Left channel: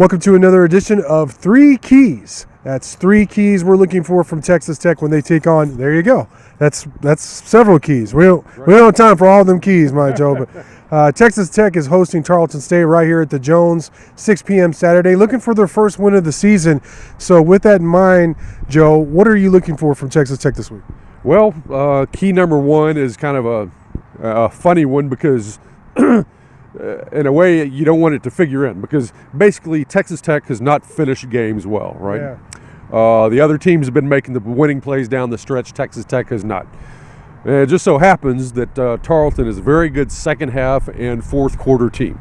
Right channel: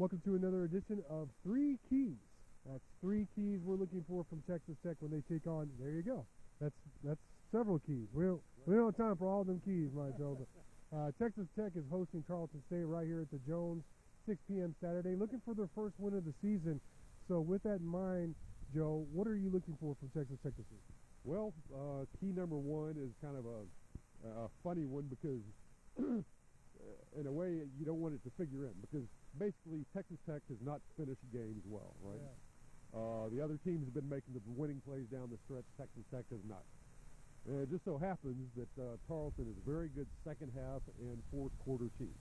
Welcome to another edition of Three Keys. That's three keys we're looking for from Texas Tech when they take on. There you go. That's several keys. We don't have time for all of them keys, my Joe. But Texas Tech is hosting Tarleton State right here at the Jones, 6 p.m. Saturday, looking for their first win of the season. So with that in mind, Joe, what are you looking for from Texas Tech this week? Well, key number one is kind of a funny one because in a way you don't want it to figure in, because basically Texas Tech has not finished games well, right? Yeah. The other teams have been making the winning plays down the stretch. Texas Tech has not. And it just so happens that Tarleton is a very good second half and fourth quarter team.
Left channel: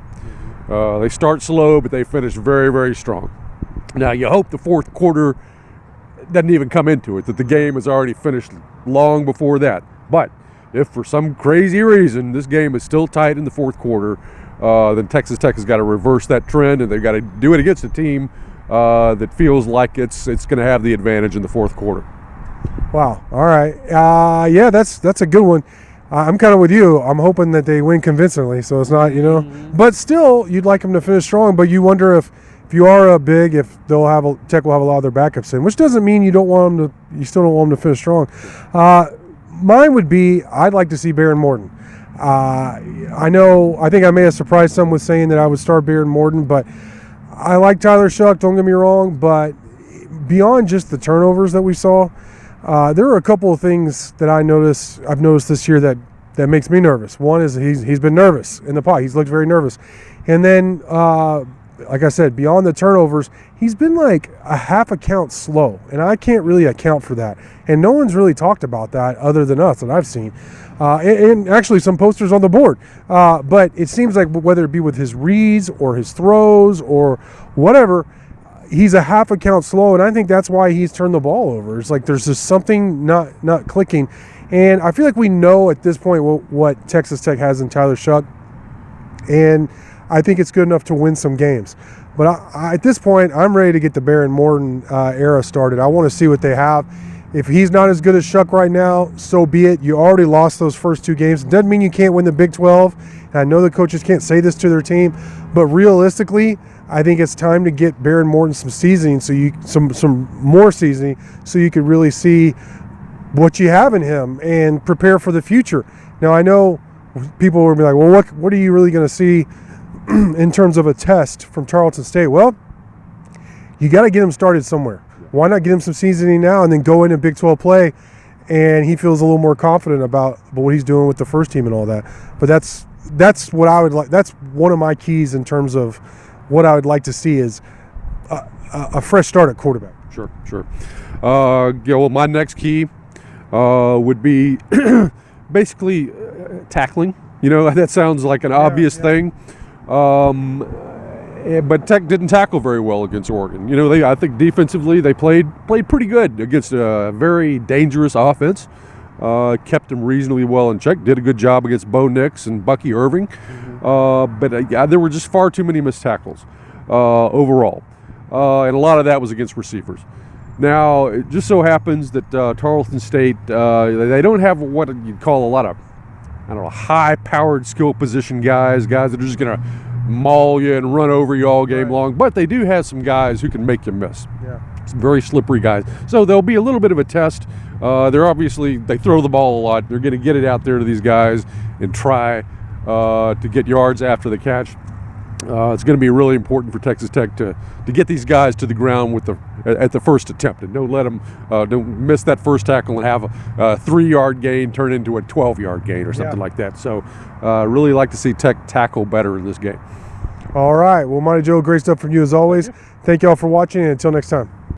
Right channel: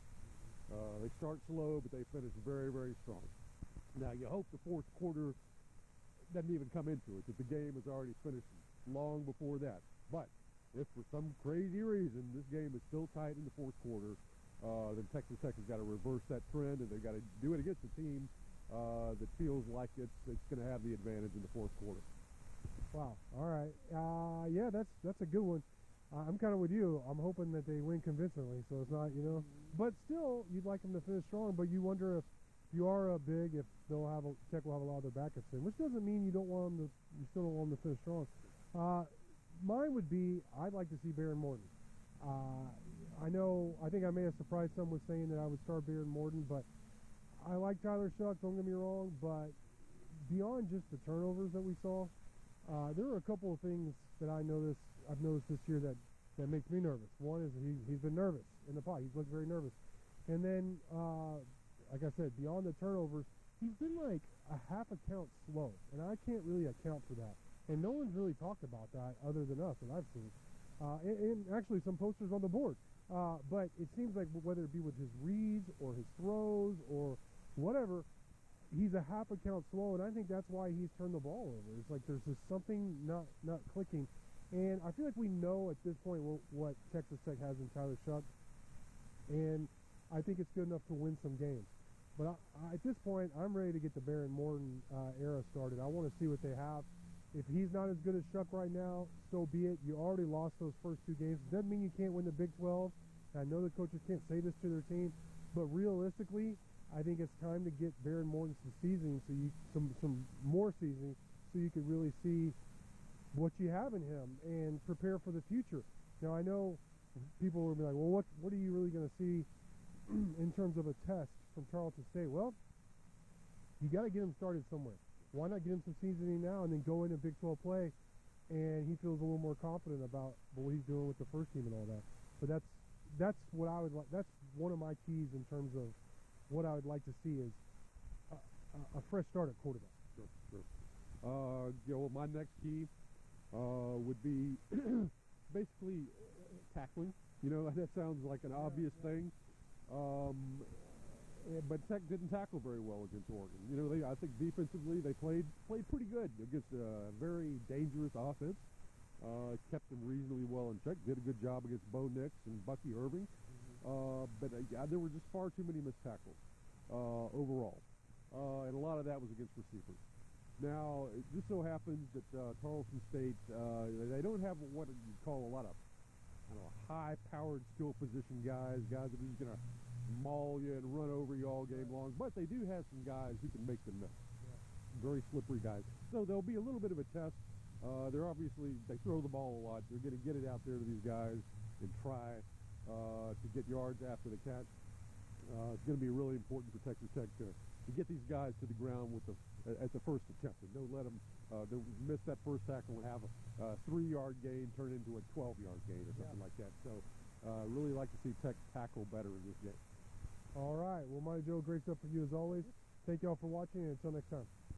They start slow, but they finish very, very strong. Now, you hope the fourth quarter doesn't even come into it, that the game is already finished long before that. But if for some crazy reason this game is still tight in the fourth quarter, then Texas Tech has got to reverse that trend, and they've got to do it against a team that feels like it's going to have the advantage in the fourth quarter. Wow. All right. Yeah, that's a good one. I'm kind of with you. I'm hoping that they win convincingly, so it's not, But still, you'd like them to finish strong. But you wonder if you are big, if Tech will have a lot of their backups in, which doesn't mean you still don't want them to finish strong. Mine would be, I'd like to see Morton. I think I may have surprised some with saying that I would start Morton, but I like Tyler Shuck, don't get me wrong, but beyond just the turnovers that we saw, there are a couple of things that I've noticed this year that makes me nervous. One is he's been nervous in the pot. He's looked very nervous. And then, like I said, beyond the turnovers, he's been like a half a count slow, and I can't really account for that. And no one's really talked about that other than us that I've seen. And actually some posters on the board. But it seems like whether it be with his reads or his throws or whatever, he's a half a count slow, and I think that's why he's turned the ball over. It's like there's just something not clicking. And I feel like we know at this point what Texas Tech has in Tyler Shuck, and I think it's good enough to win some games. But at this point, I'm ready to get the Morton era started. I want to see what they have. If he's not as good as Shuck right now, so be it. You already lost those first two games. It doesn't mean you can't win the Big 12. And I know the coaches can't say this to their team, but realistically, I think it's time to get Morton some seasoning, some more seasoning, so you could really see what you have in him and prepare for the future. Now, I know people will be like, well, what are you really going to see in terms of a test from Tarleton State? Well, you got to get him started somewhere. Why not get him some seasoning now and then go into Big 12 play, and he feels a little more confident about what he's doing with the first team and all that. But that's what I would like. That's one of my keys in terms of what I would like to see is a fresh start at quarterback. Sure. Well, my next key would be basically tackling. That sounds like an obvious thing. But Tech didn't tackle very well against Oregon. I think defensively they played pretty good against a very dangerous offense. Kept them reasonably well in check. Did a good job against Bo Nix and Bucky Irving. But there were just far too many missed tackles overall. And a lot of that was against receivers. Now, it just so happens that Tarleton State, they don't have what you'd call a lot of, high-powered skill position guys that are just going to maul you and run over you all game long. But they do have some guys who can make you miss. Yeah. Some very slippery guys. So there'll be a little bit of a test. They throw the ball a lot. They're going to get it out there to these guys and try to get yards after the catch. It's going to be really important for Texas Tech to get these guys to the ground at the first attempt, and don't let them don't miss that first tackle and have a 3-yard gain turn into a 12-yard gain or something like that. So really like to see Tech tackle better in this game. All right. Well, Monty Joe, great stuff from you as always. Thank you all for watching, and until next time.